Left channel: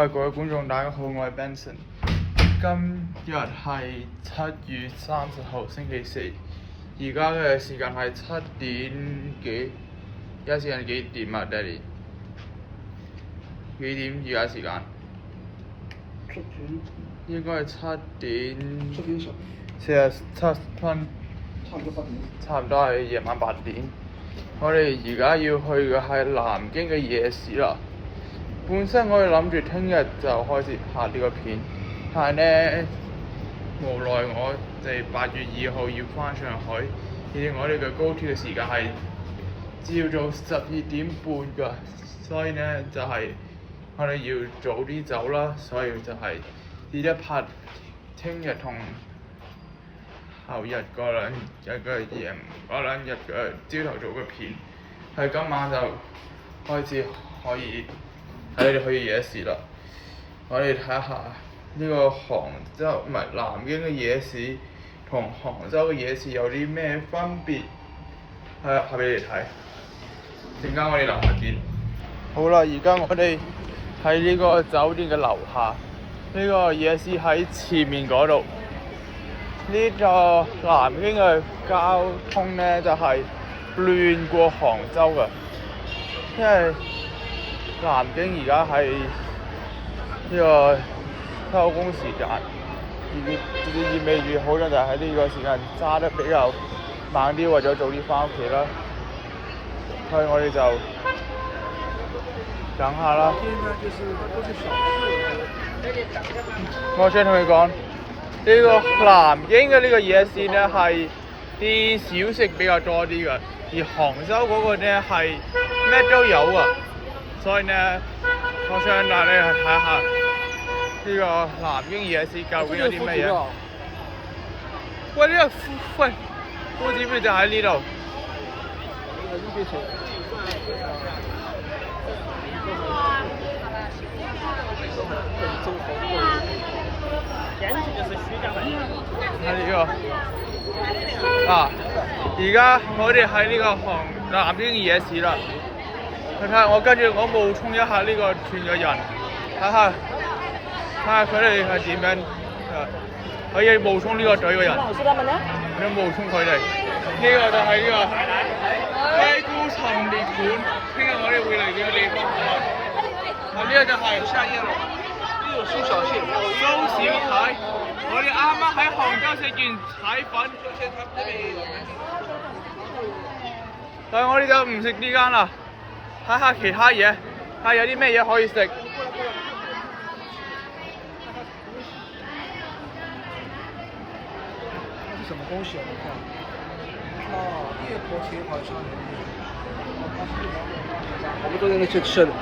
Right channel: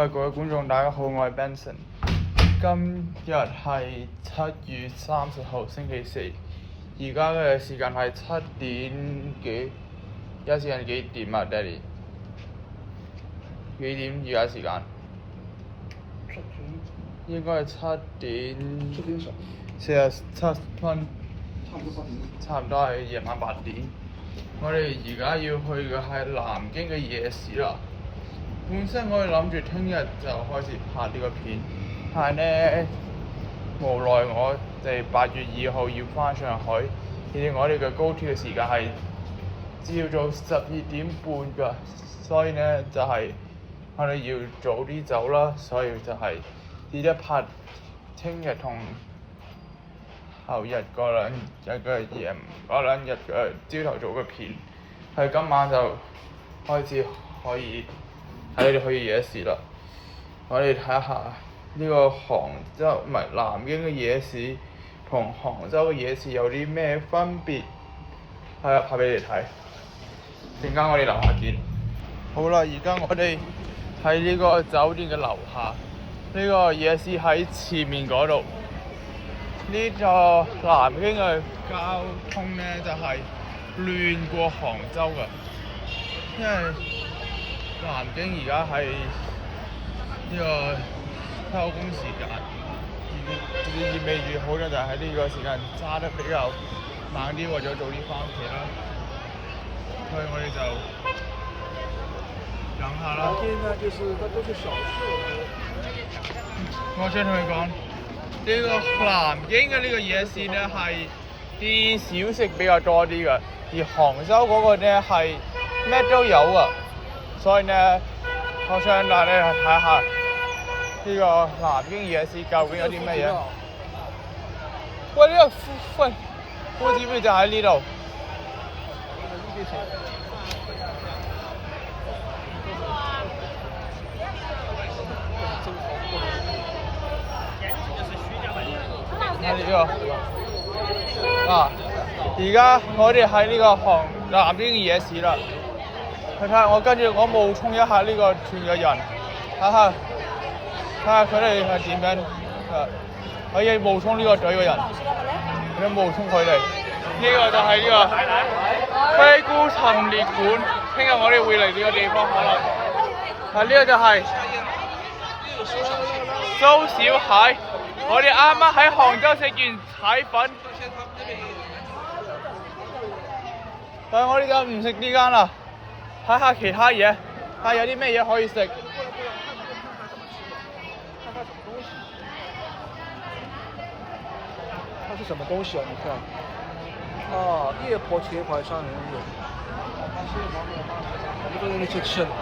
喂，各位觀眾，大家好，我係 Benson。今日係7月30號星期四，而家嘅時間係7點幾，而家時間幾點啊，爹哋？幾點而家時間？應該係7點47分，差唔多係夜晚8點。我哋而家要去嘅係南京嘅夜市啦。本身我哋諗住聽日就開始拍呢個片，但係呢，無奈我哋8月2號要返上海，而我哋嘅高鐵嘅時間係朝早12點半㗎，所以呢，就係我哋要早啲走啦，所以就係呢一拍聽日同後日嗰兩日嘅朝頭早嘅片，係今晚就開始可以睇你哋去夜市啦。我哋睇下呢個杭州唔係南京嘅夜市同杭州嘅夜市有啲咩分別，係啊，拍俾你哋睇。陣間我哋樓下見。好啦，而家我哋喺呢個酒店嘅樓下，呢個夜市喺前面嗰度。呢個南京嘅交通呢，就係亂過杭州㗎，因為南京而家係呢個收工時間，意味住好多人喺呢個時間揸得比較慢啲，或者早啲返屋企啦。所以我哋就等下啦。我想同你講。呢個南京嘅呢個夜市呢，係啲小食比較多啲嘅，而杭州嗰個呢係咩都有啊，所以呢，我想帶你去睇下呢個南京夜市究竟有啲咩嘢。喂，呢個夫子妹就喺呢度。睇呢個而家我哋喺呢個南京夜市啦。你睇下，我跟住我冒充一下呢個團嘅人，睇下佢哋係點樣可以冒充呢個隊嘅人，你冒充佢哋。呢個就係呢個飛豬陳列館，聽日我哋會嚟呢個地方可能。呢個就係蘇小蟹。我哋啱啱喺杭州食完蟹粉，但係我哋就唔食呢間啦，睇下其他嘢，睇下有啲咩嘢可以食。這是什麼東西啊？你看，熱婆茄淮山我們都願意去吃的，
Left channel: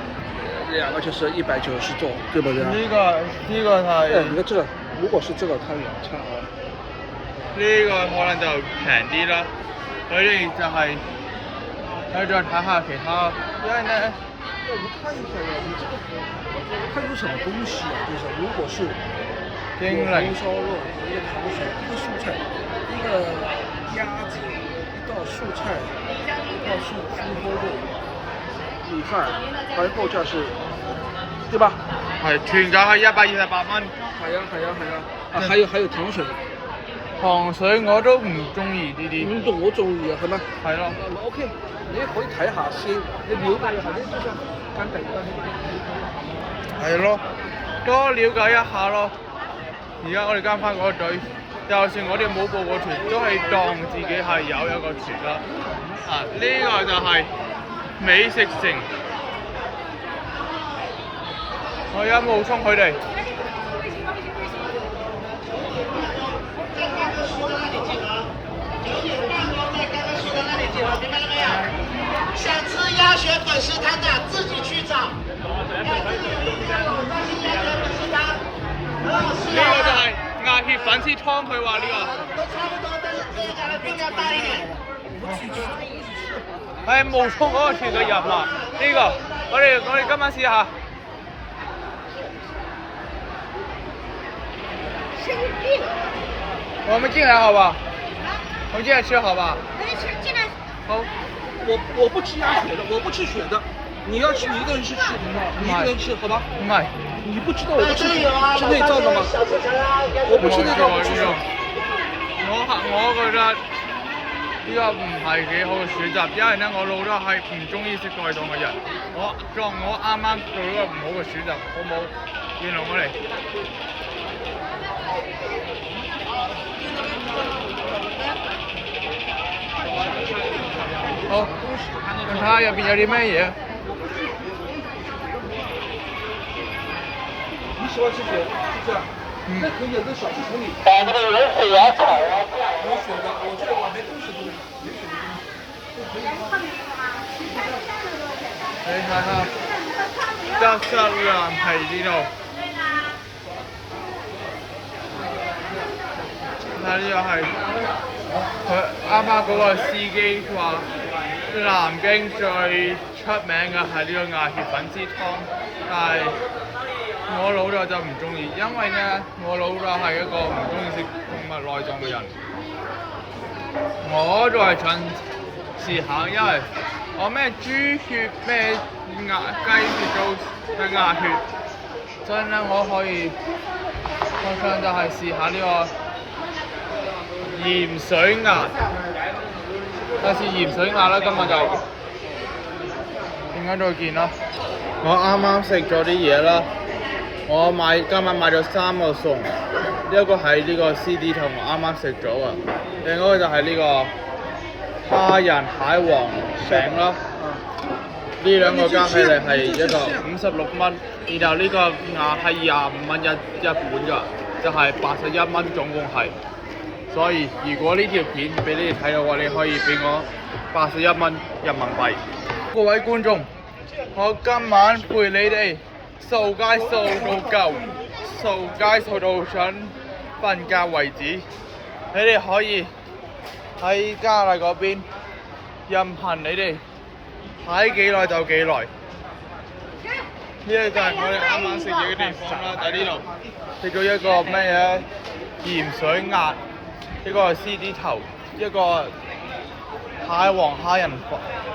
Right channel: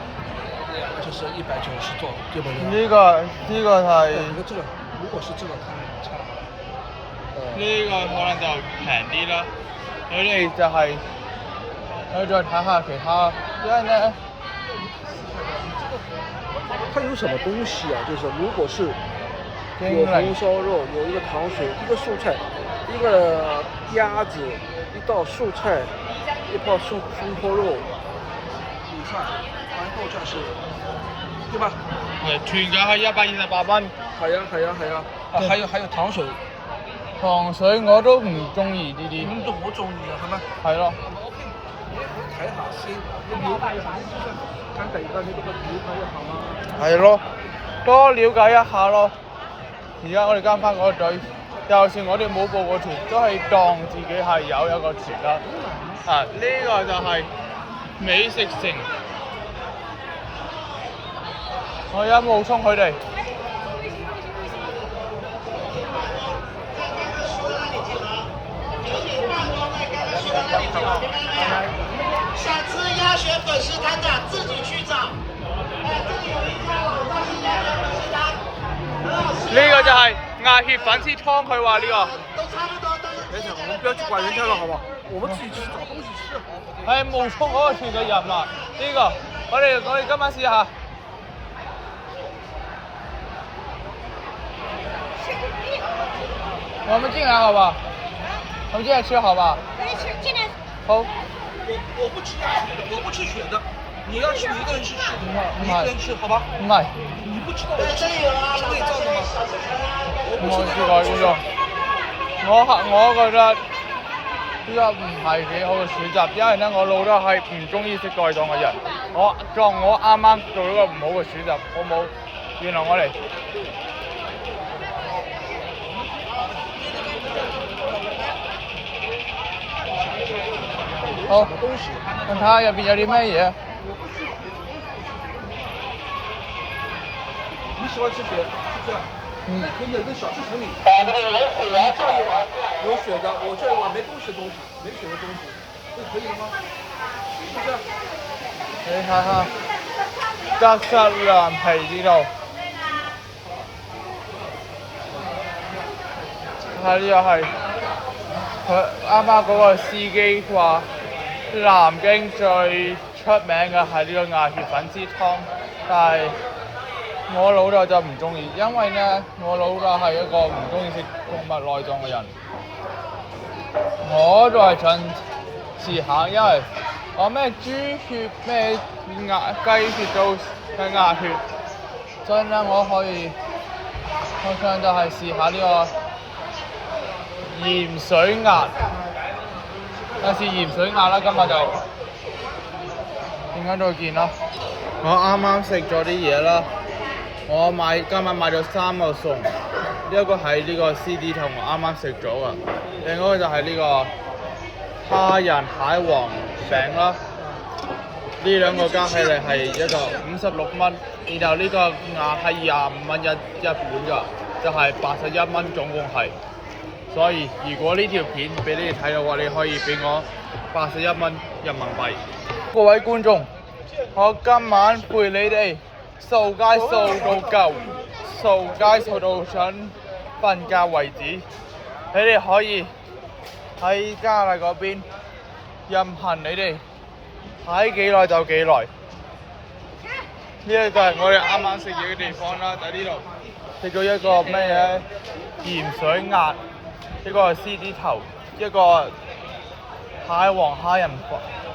兩個就是190做，對不對？呢個係。你看這個。如果是這個看差，呢個可能就平啲啦。佢哋就係再睇下其他，因為呢，它有什麼東西啊？就是如果是有紅燒肉，有一個糖水，一個素菜，一個鴨子，一道素菜，一道風坡肉，你看，它的後價是，對吧？係全價係128蚊。係啊，還有糖水。糖水我都唔中意呢啲。我中意啊，係咪？係咯。OK，你可以睇下先，你了解一下呢啲間地啦，你覺得了解一下嗎？係咯，多了解一下咯。而家我哋跟翻嗰個隊，就算我哋冇報過團，都係當自己係有一個團啦。呢個就係美食城。我而家冒充佢哋。想吃鸭血粉丝汤的自己去找。呢個就係鴨血粉絲湯，佢話呢個。都差不多，但是我們不要去管人家了，好吧？我們去吃。係冒充嗰個團嘅人啊！呢個我哋今晚試下。我們進來好吧？我們進來吃好吧？可以吃进来。好。我不吃鸭血的，我不吃水的。你要去一個人去吃的話，唔係你一個人吃好吧？唔係，你不知道我是內臟的嗎？我不我是內知臟的。我覺得呢個唔係幾好嘅選擇，因為咧我老豆係唔中意食內臟嘅人。我啱啱做咗個唔好嘅選擇，好冇？原諒我哋。好，我睇下入邊有啲咩嘢。你喜歡吃甜，是不是？嗯那可以，跟小吃城里。有水的，我这里没东西东西，没水的东西，这可以吗？你睇下，德式涼皮呢度，睇呢個係佢啱啱嗰個司機話，南京最出名嘅係呢個鴨血粉絲湯，但係我老豆就唔中意，因為呢，我老豆係一個唔中意食動物內臟嘅人。我就係想試下，因為我咩豬血咩雞血做嘅鴨血，所以咧我想就係試下呢個鹽水鴨，有試鹽水鴨啦，今日就點解都見啦？我啱啱食咗啲嘢啦，我今日買咗3個餸，一個係呢個獅子頭，我啱啱食咗噶，另一個就係呢個蝦仁蟹黃餅啦。呢兩個加起嚟係一個56蚊，然後呢個鴨係25蚊一碗㗎，就係81蚊總共係。所以如果呢條片俾你哋睇嘅話，你可以俾我81蚊人民幣。各位觀眾，我今晚陪你哋掃街掃到夠，掃街掃到想瞓覺為止。你哋可以喺加拿大嗰邊任憑你哋睇幾耐就幾耐。呢個就係我哋啱啱食嘢嘅地方啦，就喺呢度食咗一個咩嘢鹽水鴨，一個獅子頭，一個蟹黃蝦仁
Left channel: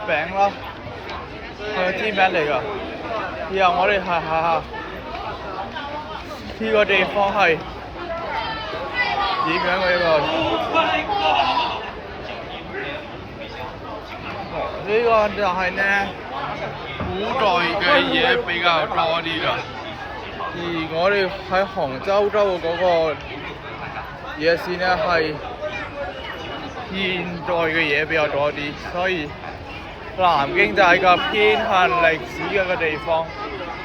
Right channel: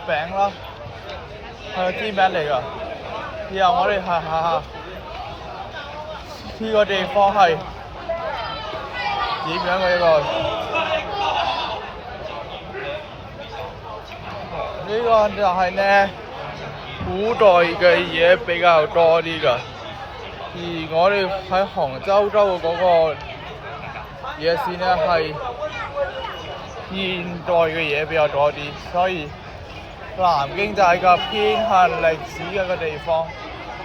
餅啦，係個煎餅嚟㗎。然後我哋睇下呢個地方係點樣嘅一個？呢個就係呢古代嘅嘢比較多啲㗎，而我哋喺杭州嘅嗰個夜市呢係現代嘅嘢比較多啲，所以南京就係個偏向歷史嘅一個地方。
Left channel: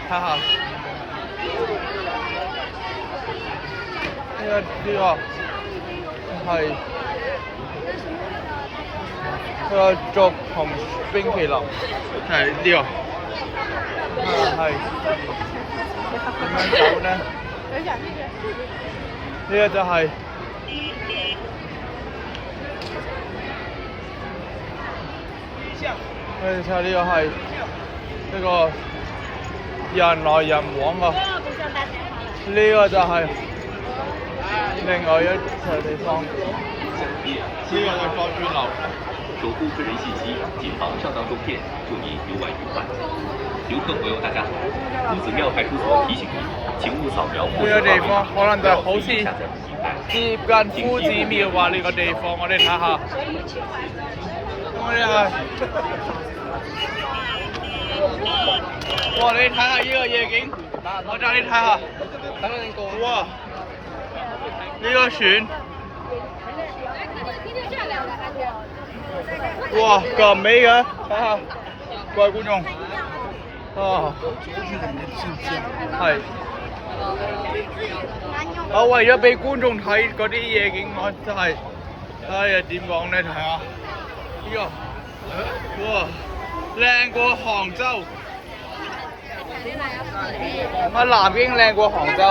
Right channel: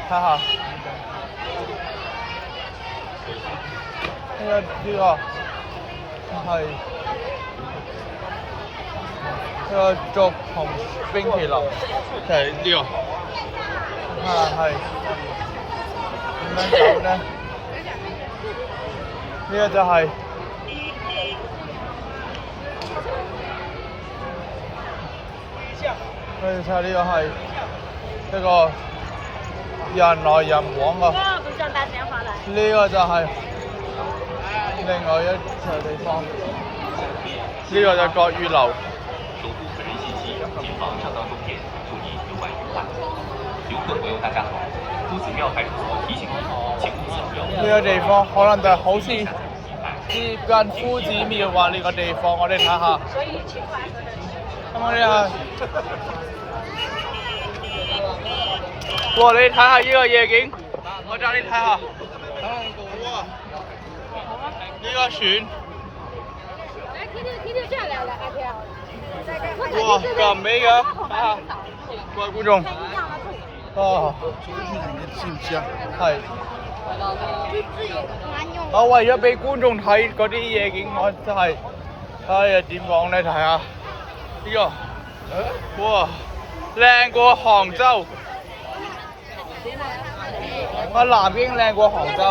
睇下呢個係呢個粥同冰淇淋，係呢個係點樣走呢？呢個就係睇下呢個係一個人來人往啊！呢個就係另外一個地方，呢個就係國語樓。首部个人信息谨防上当受骗，注意游玩愉快。游客朋友大家好，夫子庙派出所提醒您，請勿掃描。呢個地方可能就係好似接近夫子廟話呢個地方，我哋睇下。我哋係，哇！你睇下呢個夜景，我帶你睇下。哇！呢個船，哇咁美嘅，睇下，各位觀眾，啊，係。我為咗俾觀眾睇嗰啲夜景，我真係睇下點講咧，睇下呢個，哇，靚過杭州，我南京靚過杭州，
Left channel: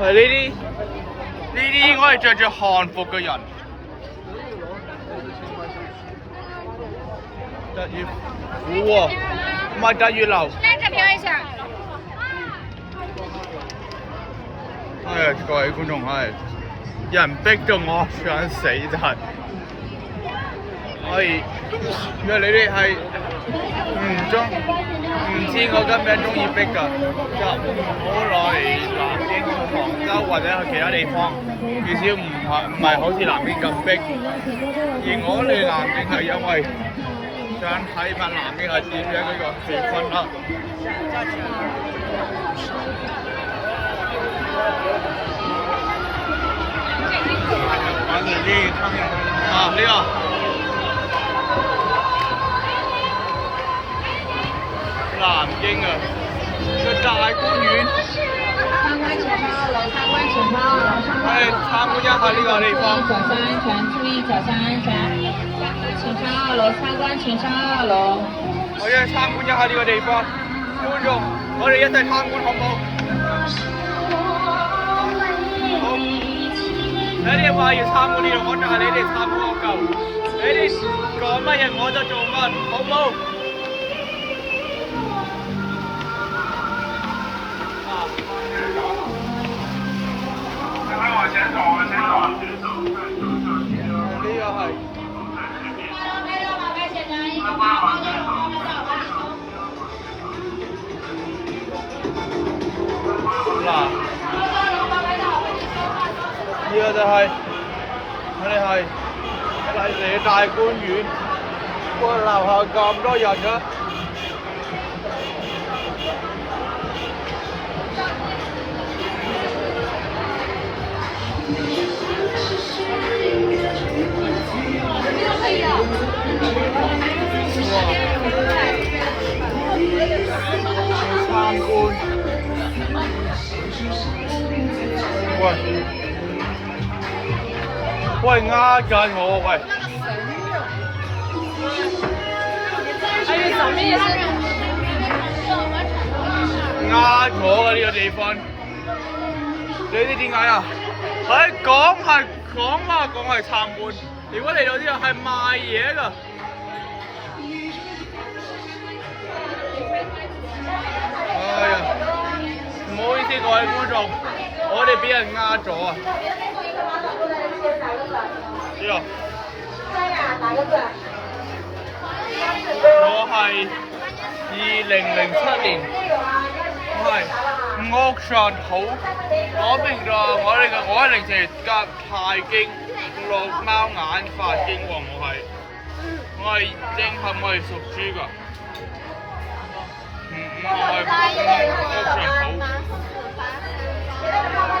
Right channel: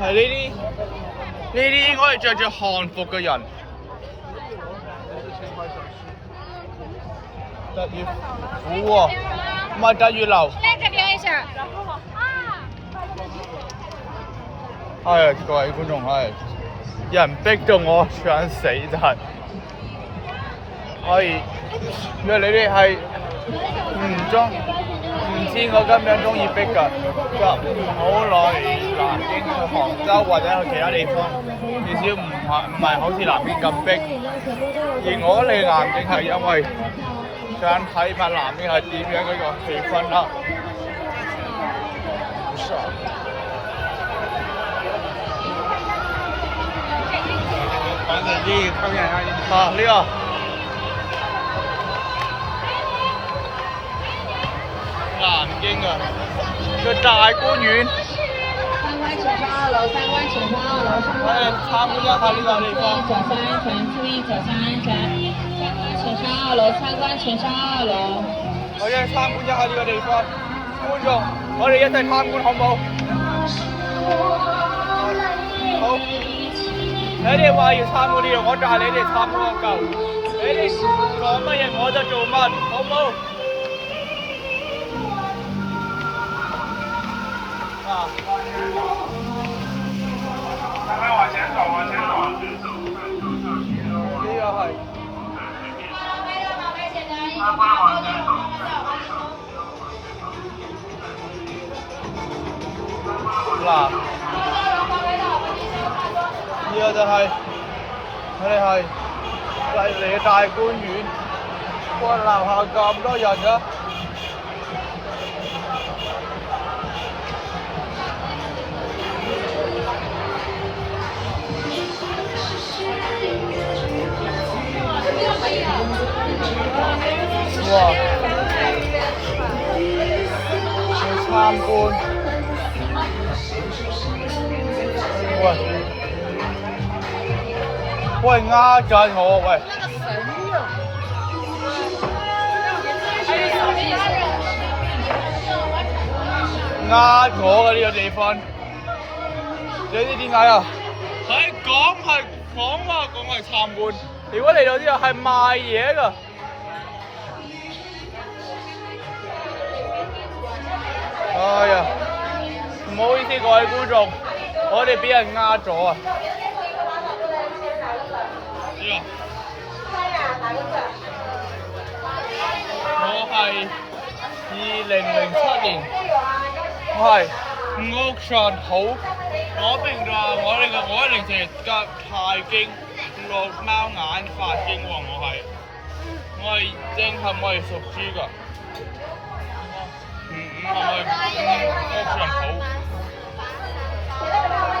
係呢啲應該係着住漢服嘅人。德月府喎，唔係德月樓。係各位觀眾係人逼到我想死，但係可以，因為你哋係唔知我咁樣中意逼㗎，就唔好嚟南京去杭州或者去其他地方，至少唔係好似南京咁逼。而我嚟南京係因為想睇下南京係點樣嗰個氣氛啦。把手机看看啊，呢個。南京啊，個大觀園。參觀請上2樓，參觀請上2樓。我哋參觀一下呢個地方。腳上安全，注意腳上安全。請上2樓，參觀請上2樓。我哋參觀一下呢個地方，觀眾，我哋一齊參觀好唔好？好。你哋話要參觀呢度，我就係你哋參觀個夠。你哋講乜嘢我就做乜，好唔好？往前走，往前走。呢個係。嗱，呢個就係我哋係嚟大觀園，哇！樓下咁多人㗎。哇！去參觀，喂，呃緊我喂，呃我嘅呢個地方，你知點解啊？佢講係參觀，如果嚟到呢度係賣嘢㗎。哎呀，唔好意思各位觀眾，我哋俾人呃咗啊！呢個，我係2007年，我係屋上好攞明咗，我一定成日夾太經落貓眼發經喎，我係正係我係屬豬㗎。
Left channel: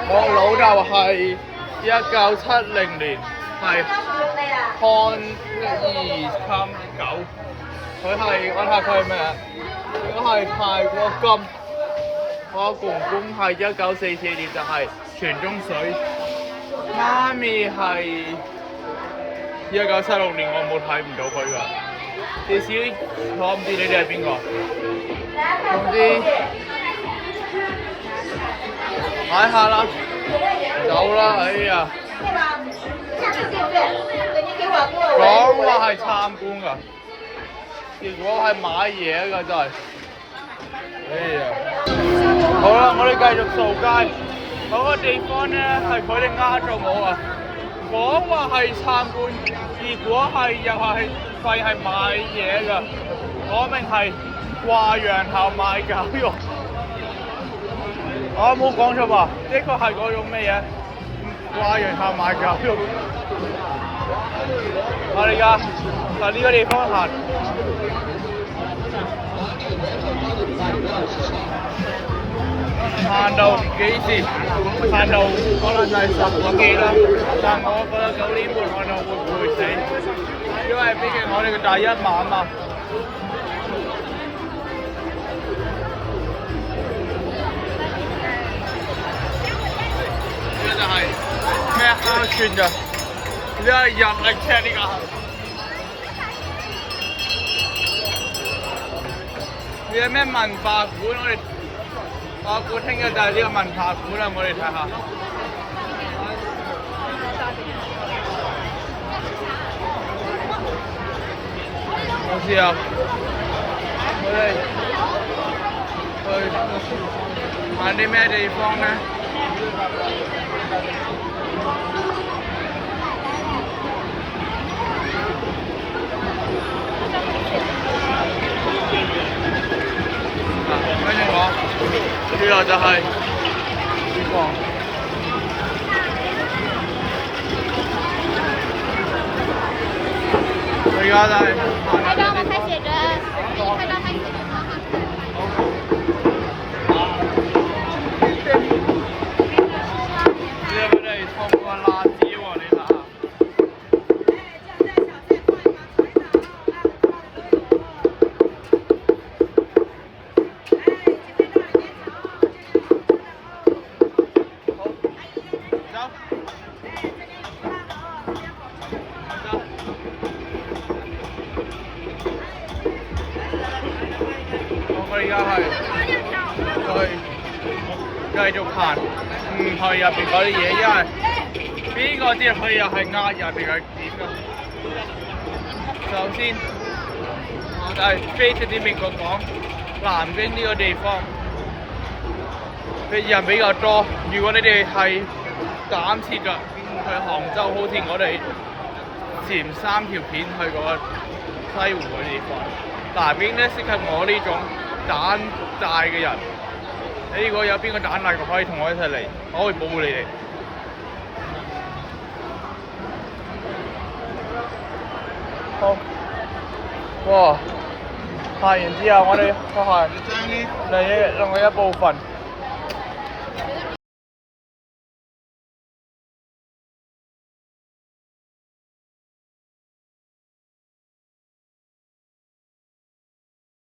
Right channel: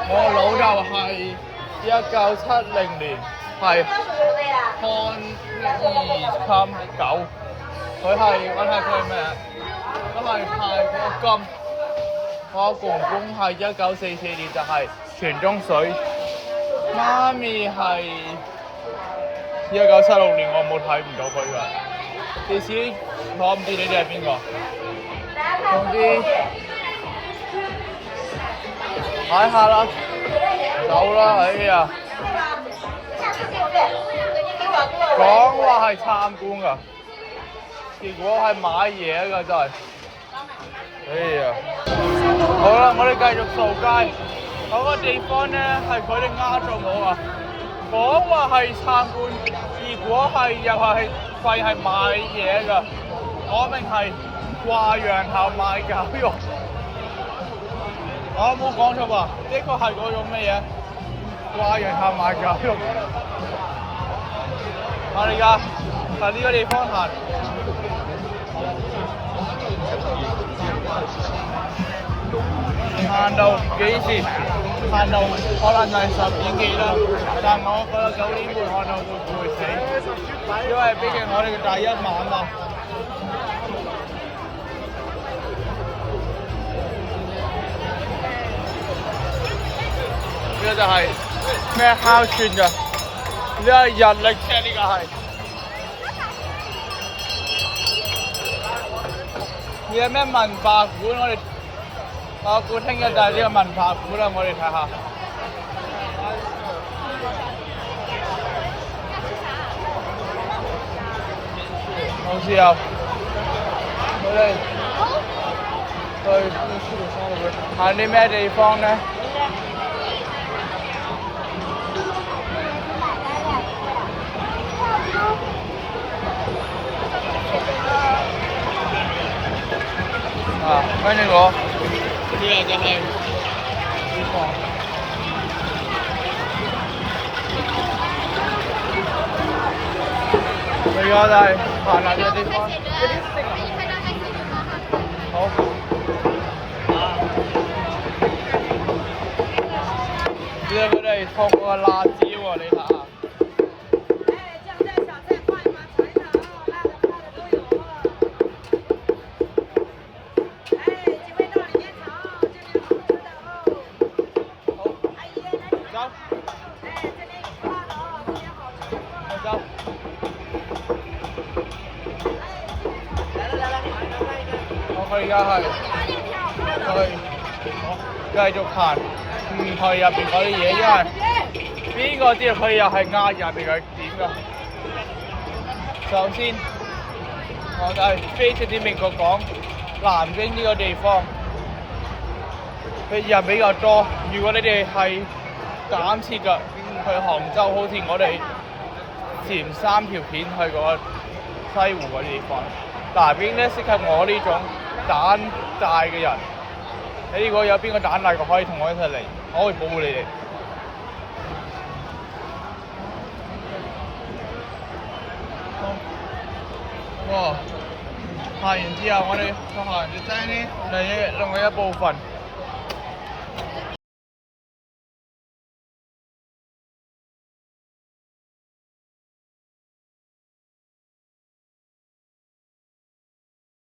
我老豆係1970年係漢239，佢係我睇下佢係咩啊？佢係泰國金。我公公係1944年就係全中水，媽咪係1976年，我冇睇唔到佢㗎。至少我唔知你哋係邊個。總之睇下啦，走啦，哎呀！講話係參觀㗎，結果係買嘢㗎真係，哎呀！好啦，我哋繼續掃街。嗰個地方咧係佢哋呃咗我啊，講話係參觀，結果係又係廢係買嘢㗎，講明係掛羊頭賣狗肉。我冇講錯吧？的確係嗰種咩嘢？掛羊頭賣狗肉。我哋而家喺呢個地方行。行到幾時？行到可能係10點幾啦，但我覺得9點半可能會攰死，因為畢竟我哋嘅第一晚嘛。呢個就係咩烤串㗎？呢個係人力車，呢個係。呢個咩文化館？我估聽日就係呢個文化館啦，我哋睇下。冇事啊！我哋去行啲咩地方呢？跟住呢個就係呢個。我而家就係行下呢個地方。好。呢個佢哋放個辣椒喎，你話？我而家係去繼續行，去入邊嗰啲嘢，因為邊個知佢又係呃人定係點㗎？首先，我係非常之明確講，南京呢個地方嘅人比較多。如果你哋係膽切㗎，去杭州，好似我哋前3條片去過西湖嗰啲地方。南京咧適合我呢種膽大嘅人。你如果有邊個膽大嘅，可以同我一齊嚟，我會保護你哋。好，哇！行完之後，我哋行嚟另外一部分。